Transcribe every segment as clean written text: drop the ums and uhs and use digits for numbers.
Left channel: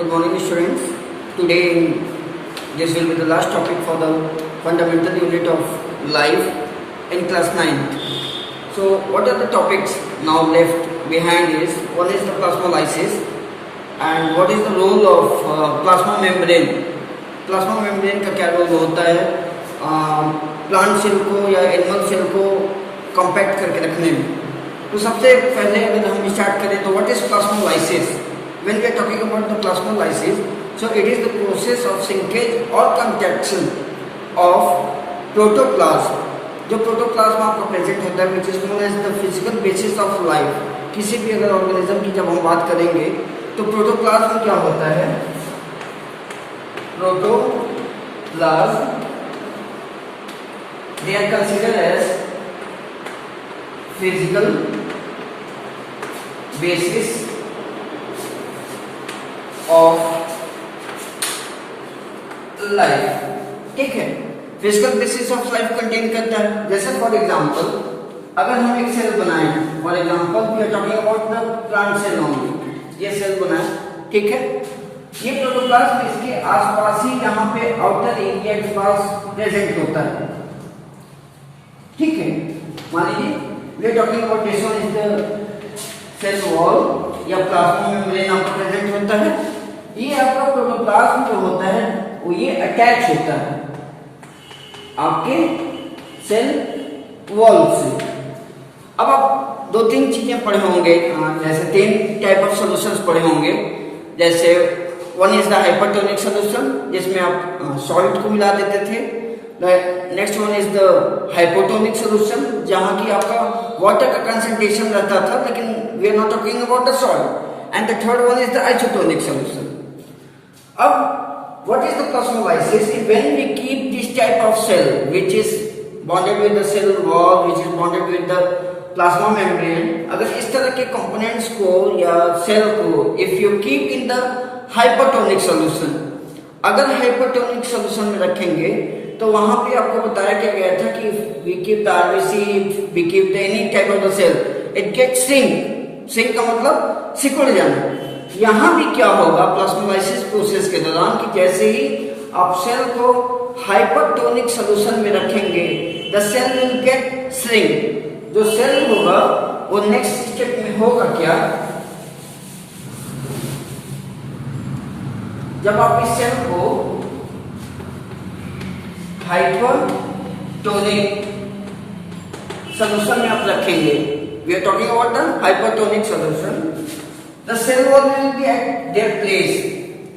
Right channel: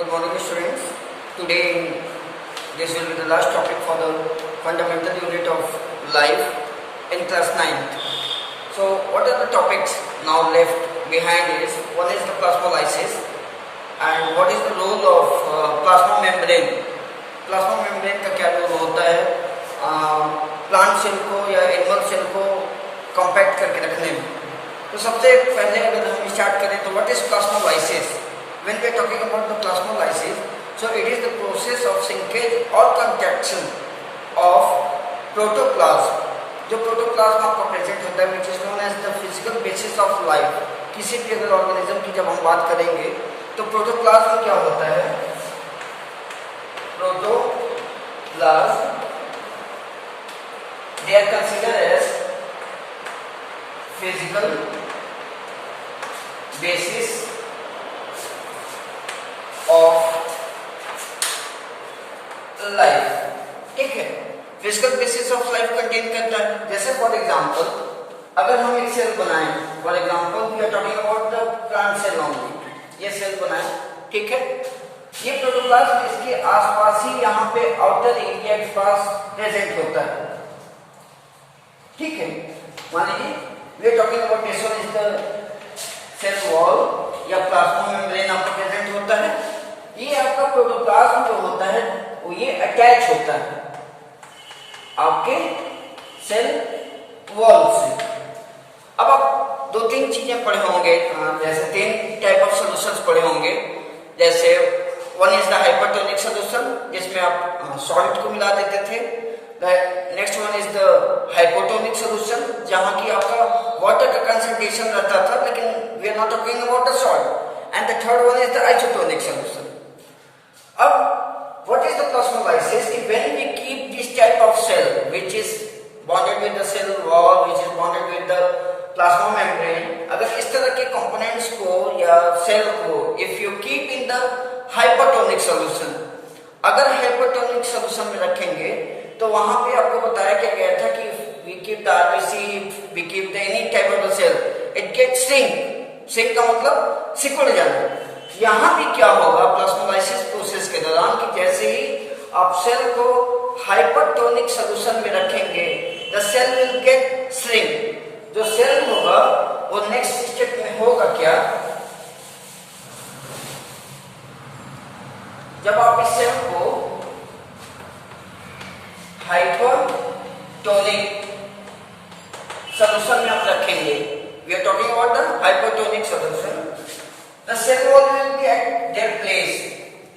Good morning, students. Today, this will be the last topic for the fundamental unit of life in class 9th. So, what are the topics now left behind is, one is the plasmolysis and what is the role of plasma membrane. Plasma membrane का क्या रोल होता है plant cell को या animal cell को कॉम्पैक्ट करके रखने में. तो सबसे पहले अगर हम स्टार्ट करें तो what is plasmolysis. When we are talking about the plasmolysis, so it is the process of shrinkage or contraction of protoplasm. जो प्रोटोप्लाज्म आपका प्रेजेंट होता है which is known as the physical basis of life. किसी भी अगर ऑर्गेनिज्म की जब हम बात करेंगे तो प्रोटोप्लाज्म क्या होता है. Protoplasm they are considered as physical basis of life. ठीक है, physical basis of life contain करता है. जैसे फॉर एग्जांपल अगर हम एक सेल बनाएं, for example we are talking about the plant cell only. ये सेल बनाएं, ठीक है. ये प्रोटोप्लाज्म इसके आसपास ही यहाँ पे आउटर एरिया के पास प्रेजेंट होता है. ठीक है, मान लीजिए we are talking about this one is the cell wall या प्लाज्मा मेम्ब्रेन आपको प्रेजेंट होता है. ये आपका प्रोटोप्लाज्म जो होता है वो ये अटैच होता है आपके सेल वॉल से. अब आप दो तीन चीजें पढ़े होंगे, जैसे 10 टाइप ऑफ सॉल्यूशंस पढ़े होंगे. जैसे one is the hypertonic solution जिसमें आप सॉल्ट को मिला देते थे. Next one is the hypotonic solution जहां की आपका वाटर का कंसंट्रेशन रहता था, लेकिन we are not talking about the salt. And the third one is the isotonic solution. अब what is the plasmolysis? When we keep this type of cell which is bonded with the cell wall, which is bonded with the plasma membrane, अगर इस तरह के components को या cell को if you keep in the hypertonic solution, अगर hypertonic solution में रखेंगे तो वहां पे आपको बताया क्या गया था कि we keep the RBC, we keep the any type of the cell, it gets shrink का मतलब सिकुड़ जाना. यहां भी क्या होगा प्लास्मोलाइसिस प्रोसेस के दौरान कि जैसे ही आप सेल को हाइपरटोनिक सॉल्यूशन में रखेंगे the cell will get shrink. जो सेल होगा वो नेक्स्ट स्टेप में होगा क्या, जब आप इस सेल को हाइपरटोनिक सॉल्यूशन में आप रखेंगे, we are talking about the hypertonic solution, the cell wall will be at their place.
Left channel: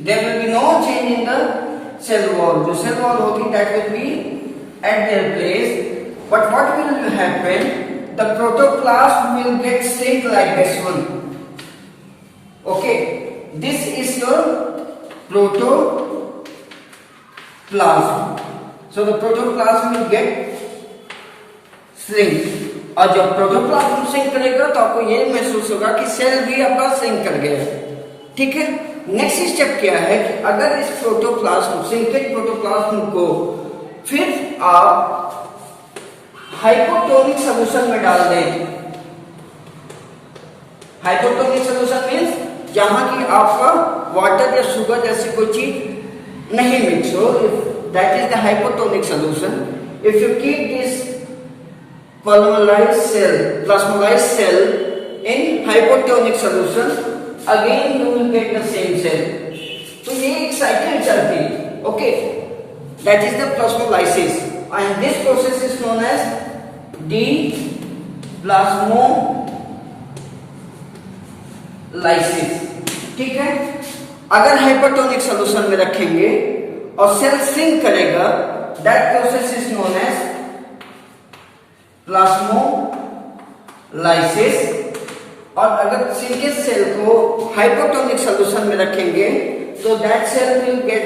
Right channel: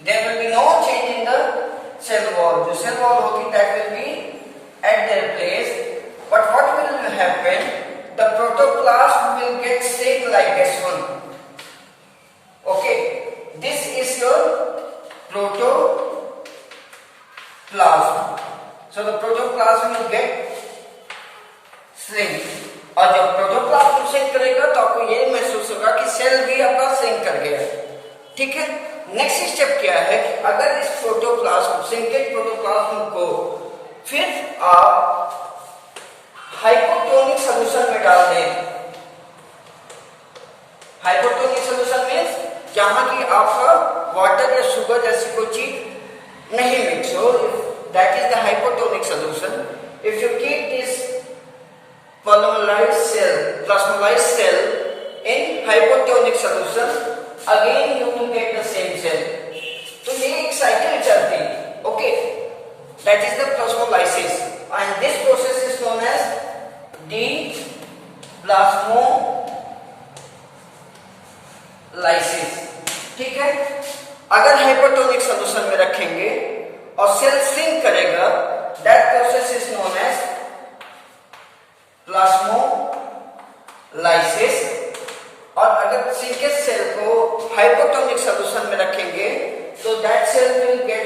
There will be no change in the cell wall. The cell wall होगी that will be at their place. But what will happen? The protoplasm will get shrink like this one. Okay, this is your protoplasm. So the protoplasm will get shrink. और जब protoplasm shrink करेगा तो आपको ये महसूस होगा कि सेल भी आपका श्रिंक कर गया है. ठीक है, नेक्स्ट स्टेप क्या है कि अगर इस प्रोटोप्लाज्म श्रिंकेज प्रोटोप्लाज्म को फिर आप हाइपोटोनिक सॉल्यूशन में डाल दें. हाइपोटोनिक सॉल्यूशन मींस जहां की आपका वाटर या शुगर जैसी कोई चीज नहीं मिक्स हो, that is the hypotonic solution. If you keep this plasmolized cell in hypotonic solution, again you will get the same cell. तो ये एक साइकिल चलती है. Okay, that is the plasmolysis and this process is known as deplasmolysis. ठीक है, अगर hypertonic solution में रखेंगे और सेल श्रिंक करेगा, that process is known as plasmolysis. और अगर श्रिंकेज सेल को हाइपोटोनिक सॉल्यूशन में रखेंगे तो that cell will get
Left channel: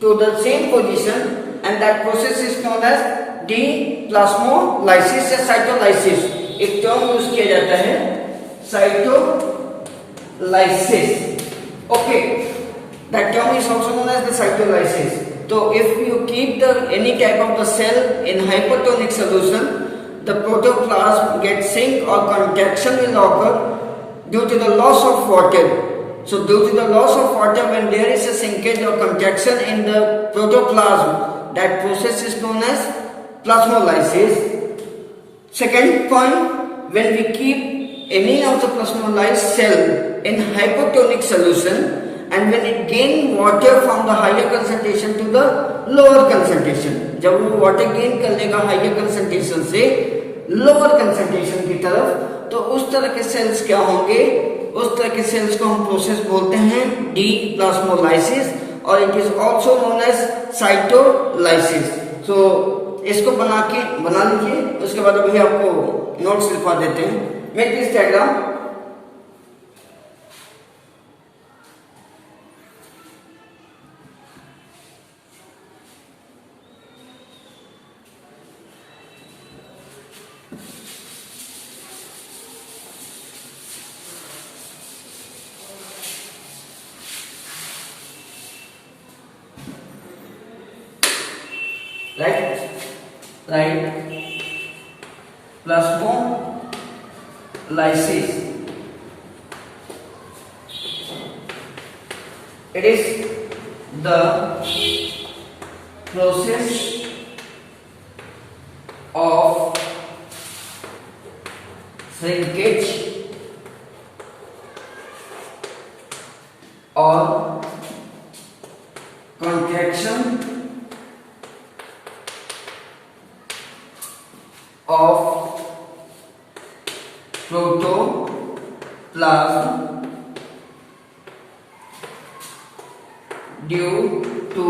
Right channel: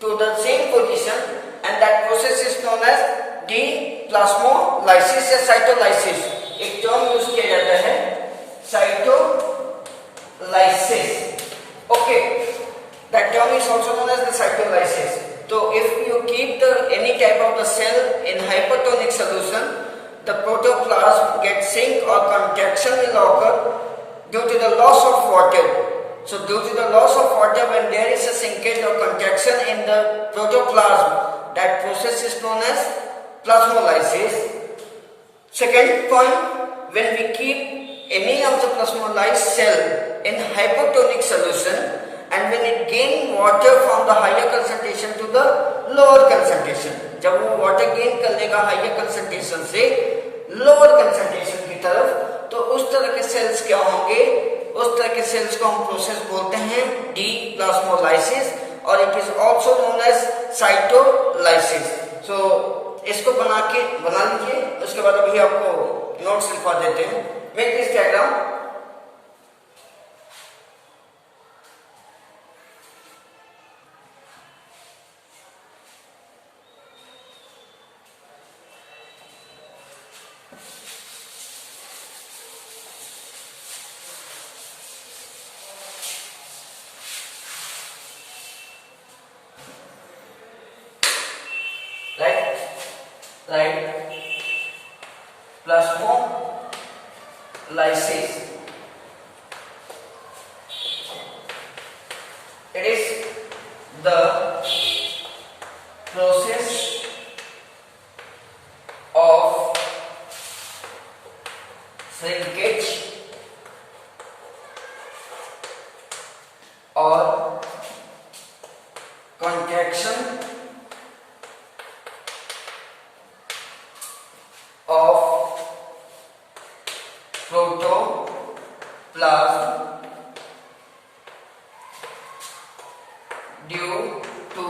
to the same position and that process is known as deplasmolysis या साइटोलाइसिस. एक टर्म यूज किया जाता है cytolysis. Okay, that term is also known as the cytolysis. तो if you keep the any type of the cell in hypotonic solution, the protoplasm gets shrink or contraction will occur due to the loss of water. So due to the loss of water, when there is a shrinkage or contraction in the protoplasm, that process is known as plasmolysis. Second point, when we keep any of the plasmolyzed cell in hypotonic solution, and when it gain water from the higher concentration to the lower concentration, जब वो water gain कर लेगा higher concentration से lower concentration की तरफ, तो उस तरह के सेल्स क्या होंगे, उस तरह के सेल्स को हम प्रोसेस बोलते हैं डीप्लाज्मोलाइसिस, और it is also known as cytolysis. So इसको बना लीजिए, उसके बाद अभी आपको नोट्स लिखवा देते हैं. Make this diagram. Right, plasmolysis. It is the process of shrinkage or contraction of protoplasm due to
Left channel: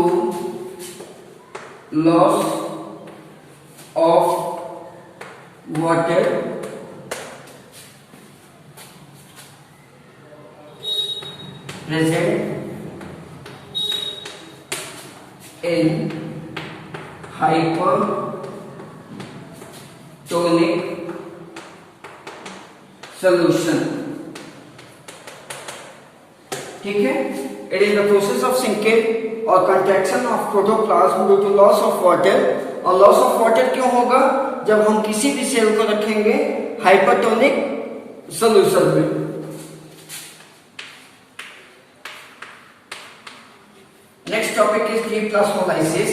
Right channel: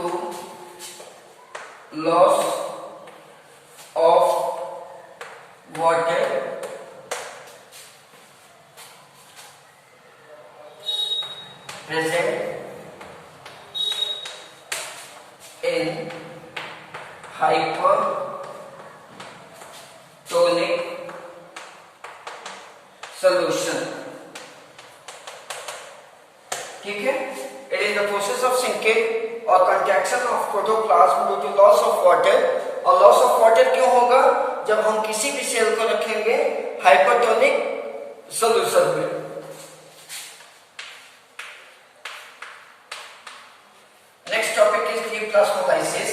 loss of water present in hypertonic solution. ठीक है, it is the process of shrinkage or contraction of protoplasm due to loss of water. और loss of water क्यों होगा, जब हम किसी भी cell को रखेंगे हाइपरटोनिक सॉल्यूशन में. Next topic is deplasmolysis.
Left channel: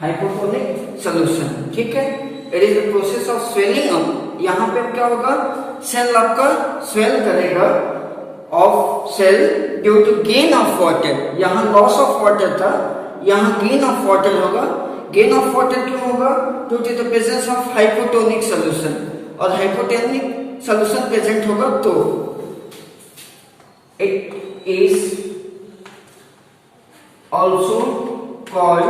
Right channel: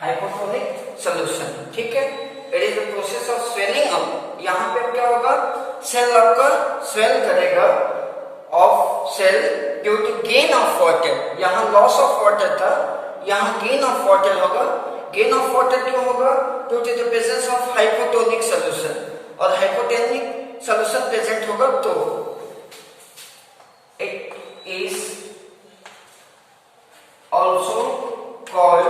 Hypotonic solution. ठीक है, it is the process of swelling up. यहां पे क्या होगा, सेल आपका स्वेल करेगा of cell due to gain of water. यहां लॉस ऑफ वाटर था, यहां गेन ऑफ वाटर होगा. गेन ऑफ वाटर क्यों होगा, due to the presence of hypotonic solution. और हाइपोटोनिक सॉल्यूशन प्रेजेंट होगा तो it is also called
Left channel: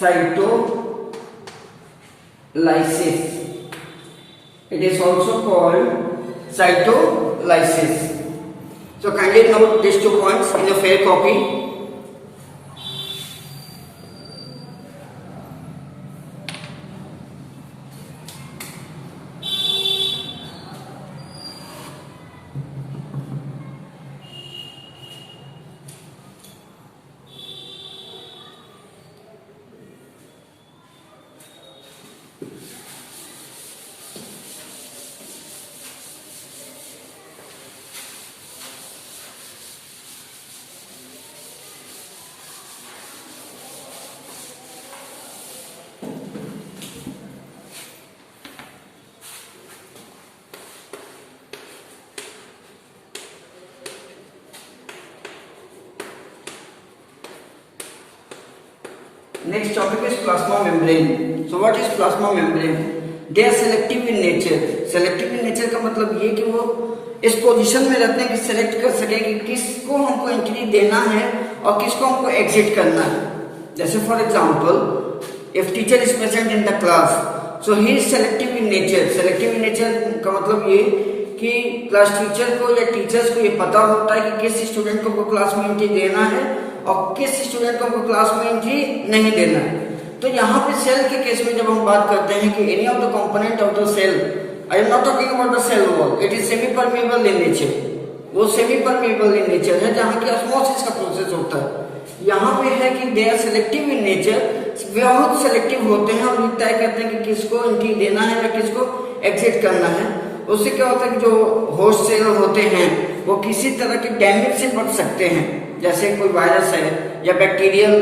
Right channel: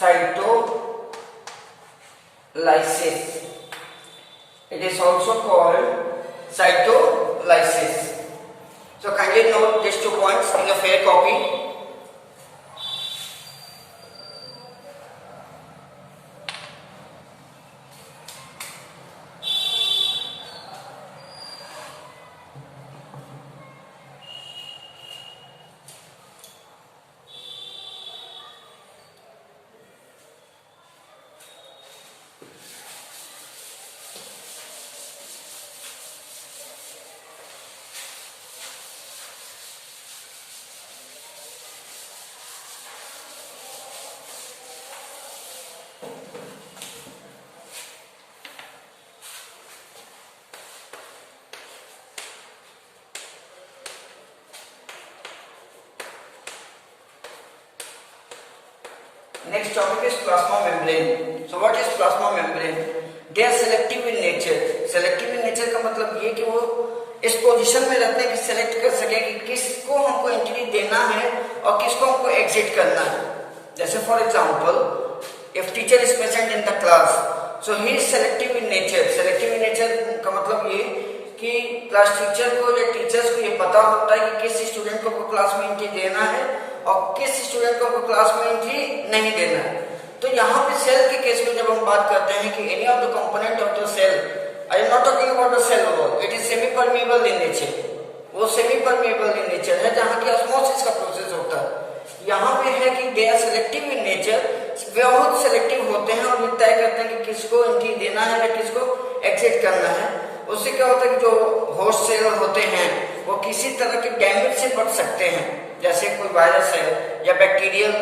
cytolysis. It is also called cytolysis. So kindly note these 2 points in your fair copy. Next topic is plasma membrane. So what is plasma membrane? They are selective in nature. Selective in nature का मतलब ये कि वो इस पोजीशन में रहते हैं कि सेलेक्ट कर सके कि किसको हमको एंट्री देना है और किसको हमको एग्जिट करना है. जैसे for example, if teacher is present in the class, so he is selective in nature. Selective in nature का मतलब ये कि क्लास टीचर को या टीचर्स को ये पता होता है कि किस स्टूडेंट को क्लास में एंट्री देना है और किस स्टूडेंट को क्लास में एंट्री नहीं देना है. तो यहाँ पे सेल के केस में जब हम बात करते हैं कि any of the component of the cell, I am not talking about the cell wall, it is semi permeable in nature. वो सेमी परमेबल इन नेचर है जहाँ की ऑस्मोसिस का प्रोसेस होता है. यहाँ पे है कि they are selective in nature, बहुत सेलेक्टिव होते हैं और ये तय करते हैं कि किसको एंट्री देना है या किसको एग्जिट करना है. उससे क्या होता है कि जो होस्ट सेल होते हैं वो किसी तरह के डैमेज से बच सकते हैं. जैसे कोई वायरस है या बैक्टीरियल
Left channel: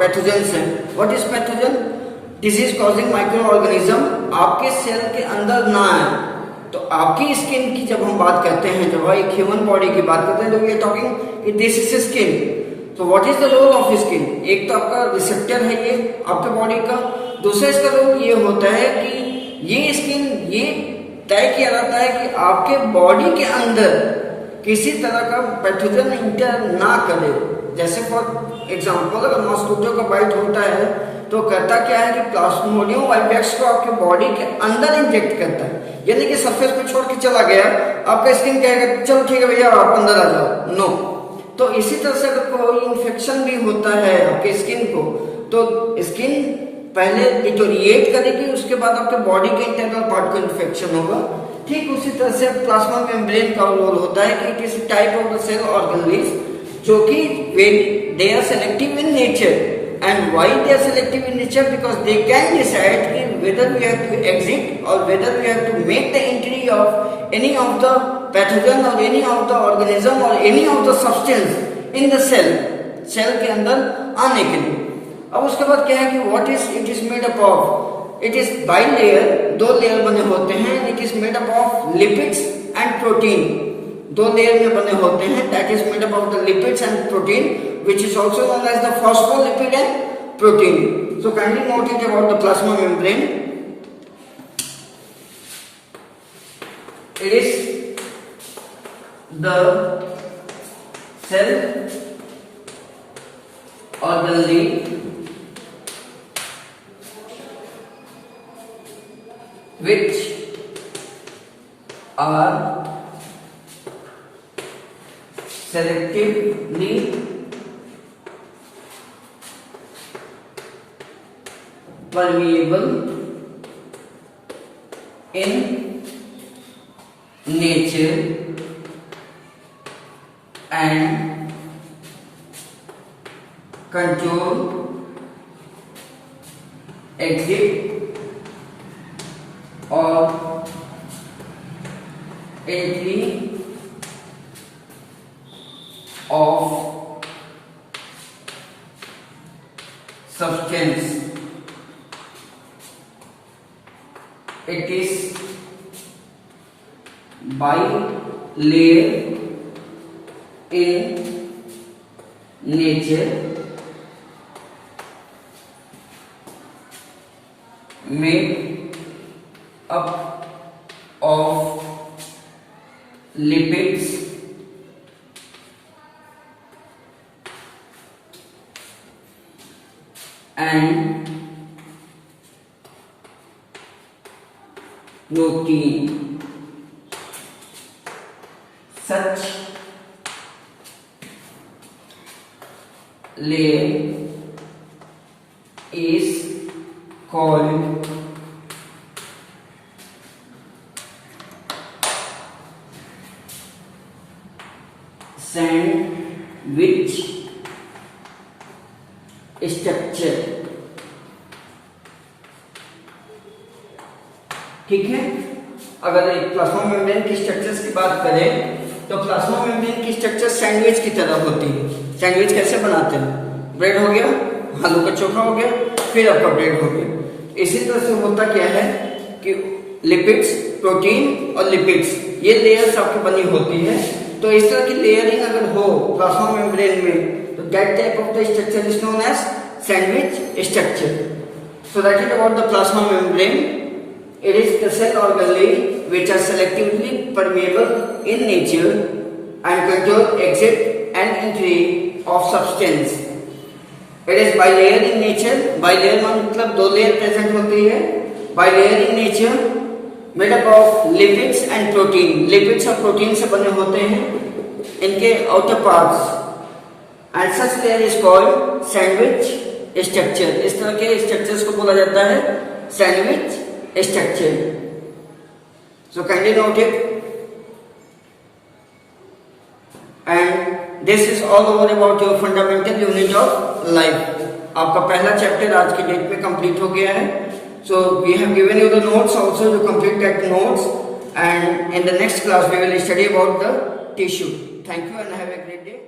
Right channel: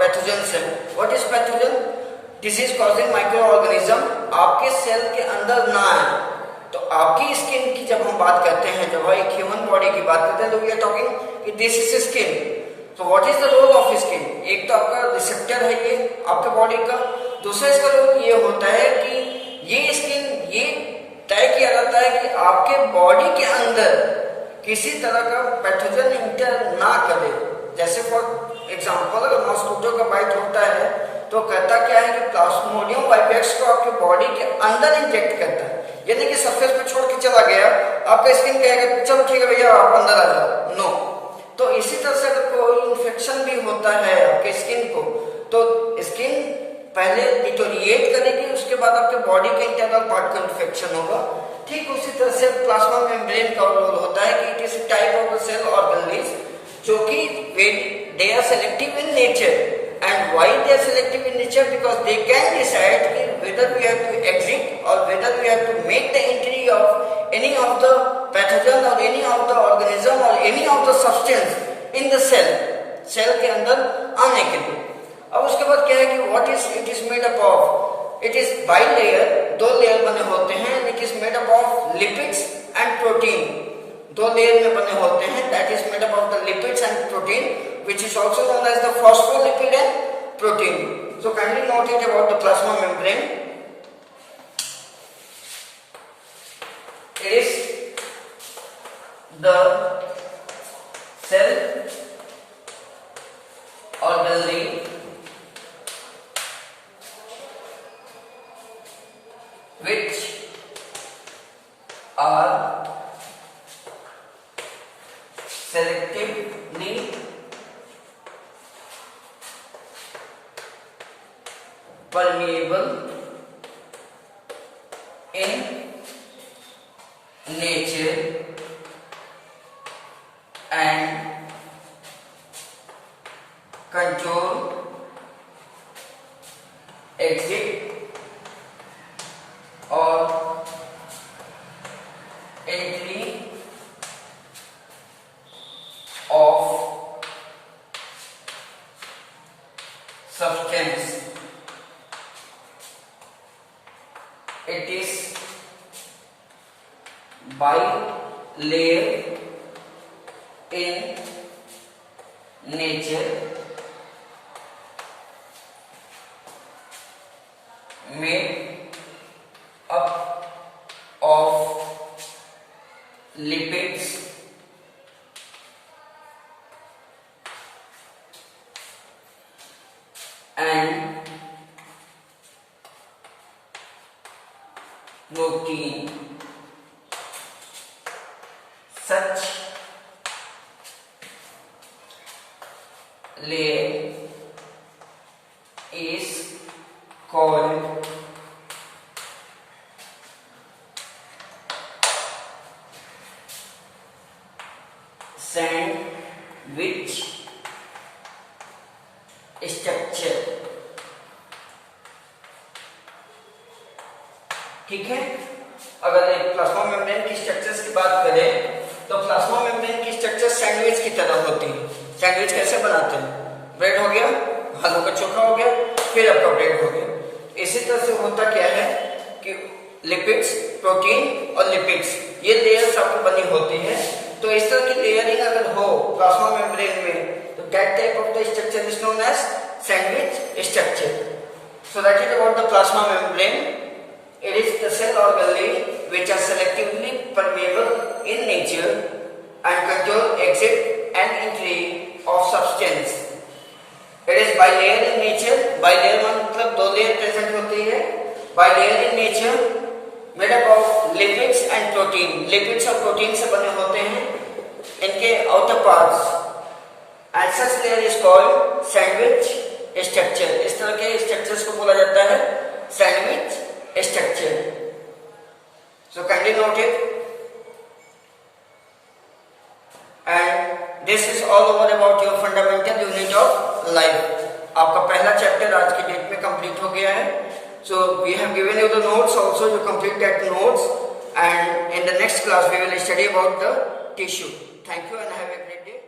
पैथोजेंस है. What is pathogen? Disease causing micro organism आपके सेल के अंदर ना आए. तो आपकी स्किन की जब हम बात करते हैं, जब एक ह्यूमन बॉडी की बात करते हैं, तो वी आर टॉकिंग कि दिस इज स्किन. तो what is the role of skin? एक तो आपका रिसेप्टर है ये आपके बॉडी का. दूसरा इसका रोल ये होता है कि ये स्किन ये तय किया जाता है कि आपके बॉडी के अंदर किसी तरह का पैथोजन इंटर ना करे. जैसे फॉर एग्जांपल, अगर मॉस्किटो का बाइट होता है तो करता क्या है कि प्लाज्मोडियम वाइवेक्स को आपके बॉडी के अंदर इंजेक्ट करता है. यानी कि सरफेस पे छोड़ के चला गया, आपका स्किन कहेगा चलो ठीक है भैया आप अंदर आ जाओ. नो. तो इसी तरह से अगर कोई इन्फेक्शन भी होता है आपके स्किन को, तो स्किन पहले डिटोरिएट करेगी, उसके बाद आपके बॉडी के इंटरनल पार्ट को इन्फेक्शन होगा. ठीक उसी तरह से प्लाज्मा मेम्ब्रेन का रोल होता है कि it is type of the cell organelles जो कि they are selective in nature. And why they are selective in nature? Because they can decide कि whether we have to exit or whether we have to make the entry of any of the pathogen or any of the organism or any of the substance in the cell के अंदर आने के लिए. अब उसके बाद क्या है कि what is it is made up of? It is bilayer, दो लेयर बने होते हैं. It is made up of lipids and protein. दो लेयर में बने होते हैं. That is made up of the lipids and protein, which is also known as the phospholipid and protein. So kindly note it about the plasma membrane. It is the cell organelle which are selectively permeable in nature and control exit or entry of substance. It is bilayer in nature, made up of lipids and protein. Such layer is called sandwich structure. ठीक है. अगर एक plasma membrane की स्ट्रक्चर्स की बात करें तो plasma membrane की स्ट्रक्चर सैंडविच की तरह होती है. सैंडविच कैसे बनाते हैं? ब्रेड हो गया, आलू का चोखा हो गया, फिर आपका ब्रेड हो गया. इसी तरह से होता क्या है कि लिपिड्स, प्रोटीन और लिपिड्स ये लेयर्स आपकी बनी होती है. तो इस तरह की लेयरिंग अगर हो प्लाज्मा मेम्ब्रेन में तो that type of the structure is known as sandwich structure. So that is about the plasma membrane. It is the cell organelle which are selectively permeable in nature and control exit and entry of substance. It is bilayer in nature. Bilayer मतलब दो layer present होती है. Bilayer in nature, made up of lipids and protein. Lipids और protein से बने होते हैं इनके outer parts. And such layer is called sandwich structure. इस तरह के structures को बोला जाता है sandwich structure. So kindly note it. And this is all over about your fundamental unit of life. आपका पहला चैप्टर आज की डेट में कंप्लीट हो गया है. So we have given you the notes also. You complete that notes, and in the next class we will study about the tissue. Thank you and have a great day.